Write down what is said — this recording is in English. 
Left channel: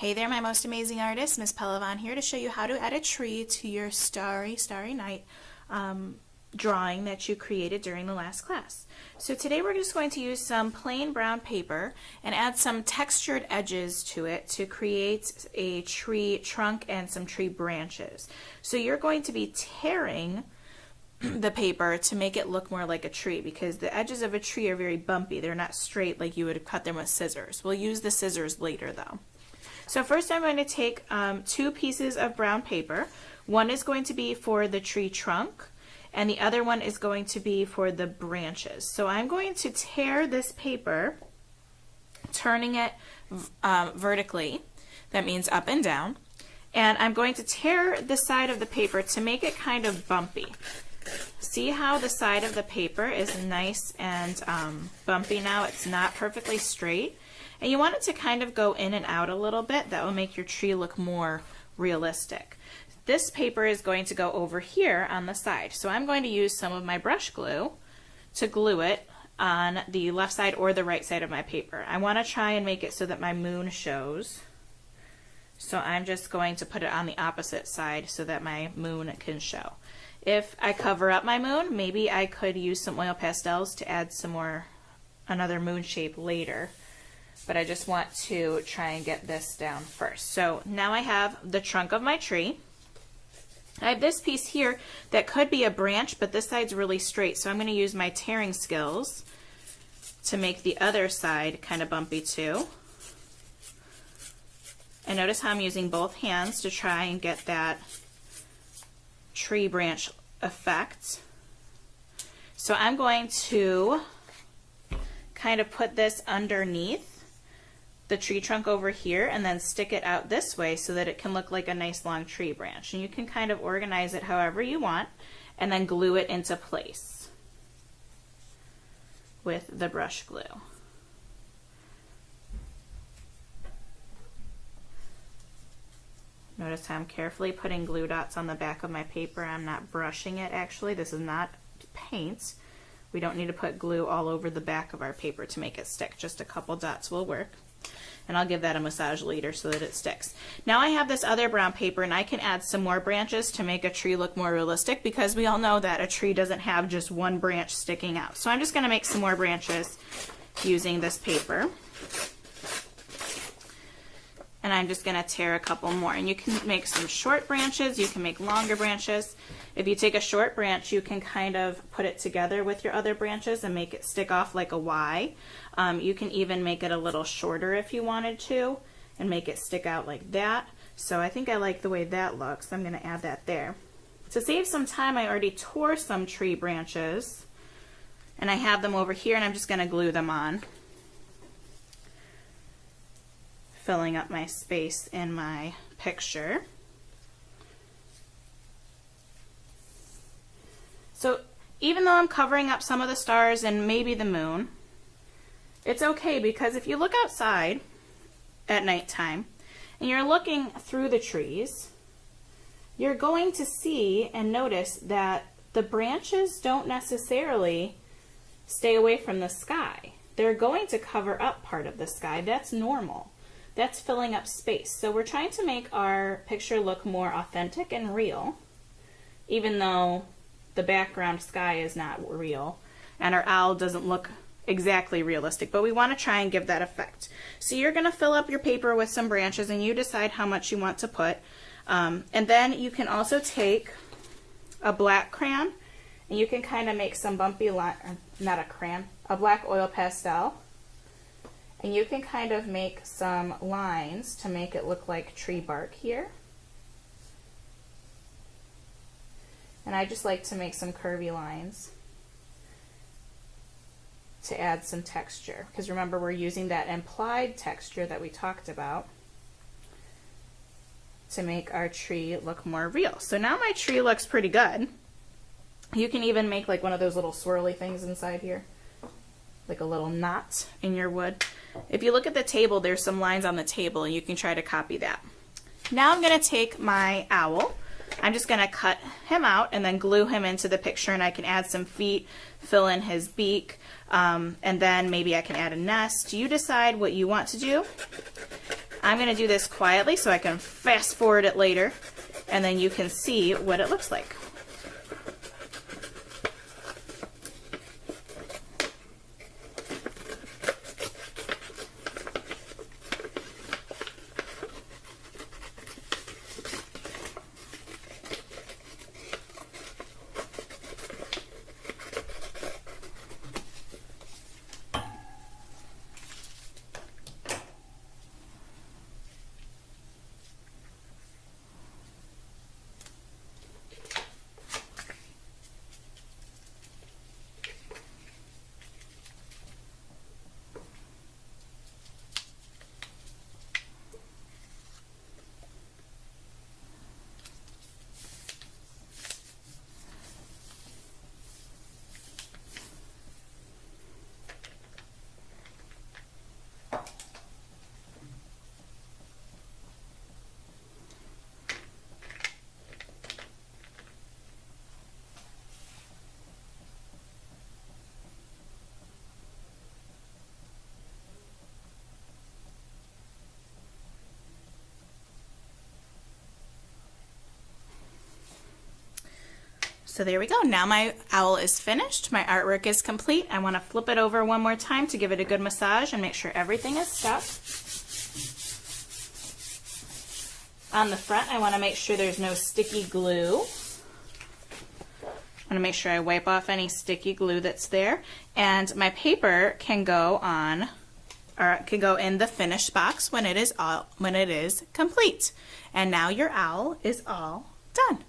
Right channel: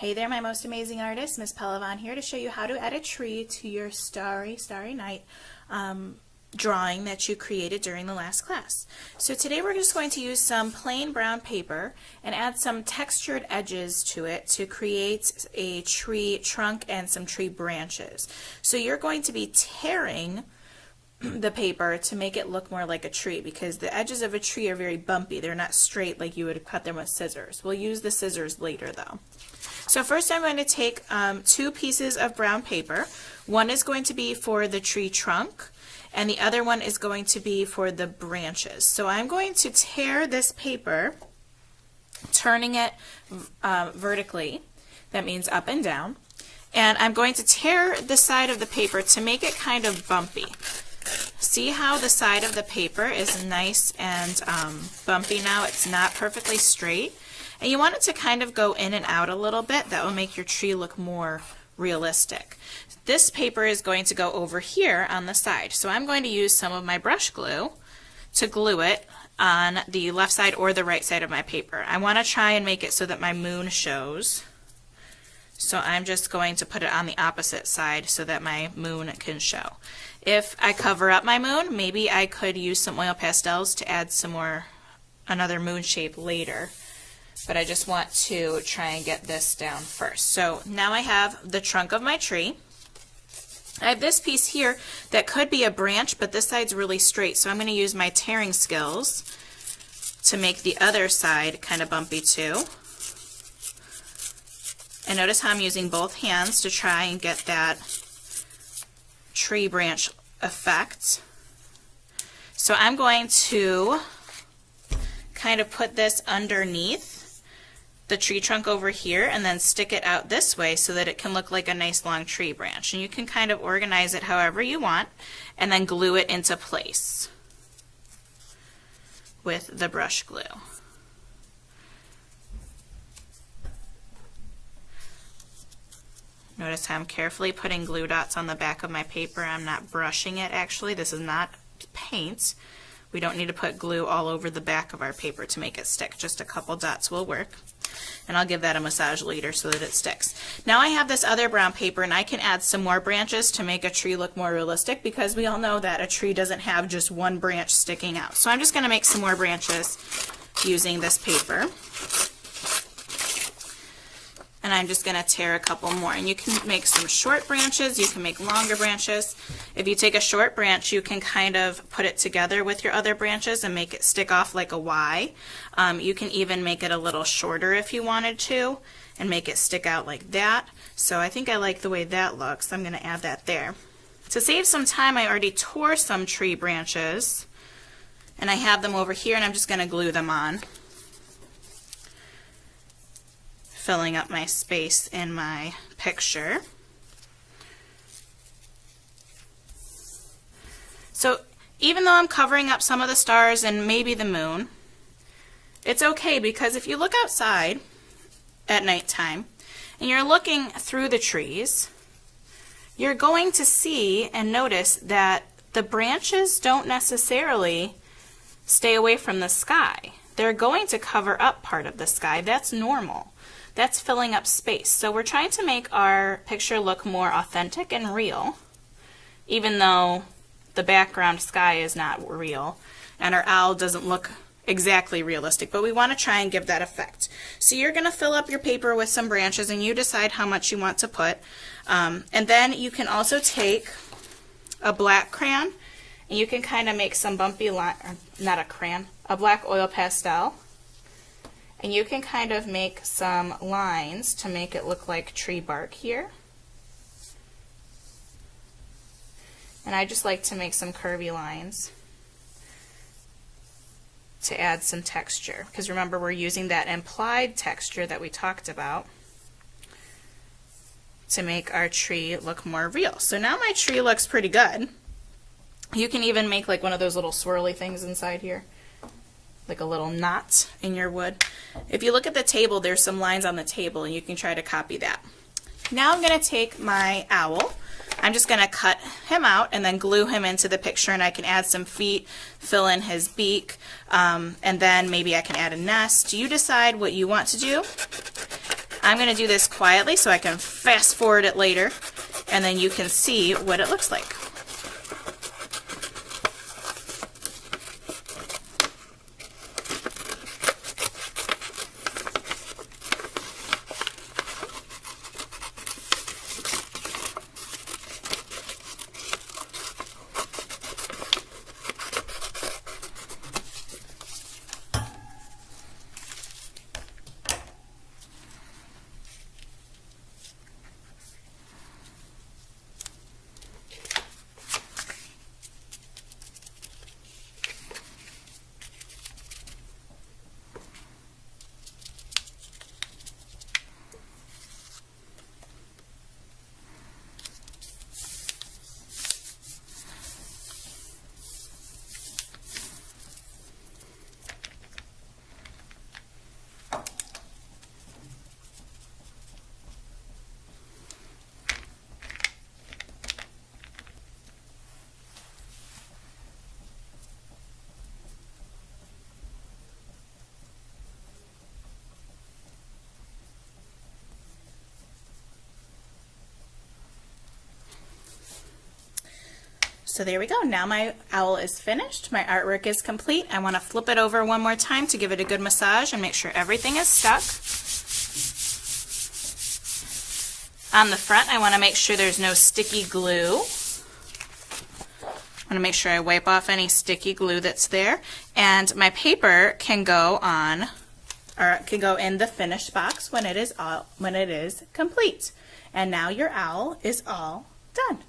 Hey there, my most amazing artist, Miss Pellavan here to show you how to add a tree to your Starry Night drawing that you created during the last class. So today we're just going to use some plain brown paper and add some textured edges to it to create a tree trunk and some tree branches. So you're going to be tearing the paper to make it look more like a tree because the edges of a tree are very bumpy. They're not straight like you would cut them with scissors. We'll use the scissors later though. So first I'm going to take two pieces of brown paper. One is going to be for the tree trunk and the other one is going to be for the branches. So I'm going to tear this paper, turning it vertically, that means up and down, and I'm going to tear the side of the paper to make it kind of bumpy. See how the side of the paper is nice and bumpy now? It's not perfectly straight. And you want it to kind of go in and out a little bit. That will make your tree look more realistic. This paper is going to go over here on the side. So I'm going to use some of my brush glue to glue it on the left side or the right side of my paper. I want to try and make it so that my moon shows. So I'm just going to put it on the opposite side so that my moon can show. If I cover up my moon, maybe I could use some oil pastels to add some more, another moon shape later. But I just want to try and get this down first. So now I have the trunk of my tree. I have this piece here that could be a branch, but this side's really straight. So I'm going to use my tearing skills to make the other side kind of bumpy too. And notice how I'm using both hands to try and get that tree branch effect. So I'm going to kind of put this underneath the tree trunk over here and then stick it out this way so that it can look like a nice long tree branch. And you can kind of organize it however you want and then glue it into place with the brush glue. Notice how I'm carefully putting glue dots on the back of my paper. I'm not brushing it actually. This is not paint. We don't need to put glue all over the back of our paper to make it stick. Just a couple dots will work. And I'll give that a massage later so that it sticks. Now I have this other brown paper and I can add some more branches to make a tree look more realistic because we all know that a tree doesn't have just one branch sticking out. So I'm just going to make some more branches using this paper. And I'm just going to tear a couple more. And you can make some short branches, you can make longer branches. If you take a short branch, you can kind of put it together with your other branches and make it stick off like a Y. You can even make it a little shorter if you wanted to and make it stick out like that. So I think I like the way that looks. I'm going to add that there. To save some time, I already tore some tree branches and I have them over here and I'm just going to glue them on, filling up my space in my picture. So even though I'm covering up some of the stars and maybe the moon, it's okay because if you look outside at nighttime and you're looking through the trees, you're going to see and notice that the branches don't necessarily stay away from the sky. They're going to cover up part of the sky. That's normal. That's filling up space. So we're trying to make our picture look more authentic and real, even though the background sky is not real and our owl doesn't look exactly realistic, but we want to try and give that effect. So you're going to fill up your paper with some branches and you decide how much you want to put. And then you can also take a black crayon and you can kind of make some bumpy line, not a crayon, a black oil pastel. And you can kind of make some lines to make it look like tree bark here. And I just like to make some curvy lines to add some texture. Because remember, we're using that implied texture that we talked about to make our tree look more real. So now my tree looks pretty good. You can even make like one of those little swirly things inside here, like a little knot in your wood. If you look at the table, there's some lines on the table and you can try to copy that. Now I'm going to take my owl. I'm just going to cut him out and then glue him into the picture, and I can add some feet, fill in his beak, and then maybe I can add a nest. You decide what you want to do. I'm going to do this quietly so I can fast forward it later, and then you can see what it looks like. So there we go. Now my owl is finished. My artwork is complete. I want to flip it over one more time to give it a good massage and make sure everything is stuck. On the front, I want to make sure there's no sticky glue. I want to make sure I wipe off any sticky glue that's there. And my paper can go on, or can go in the finished box when it is complete. And now your owl is all done.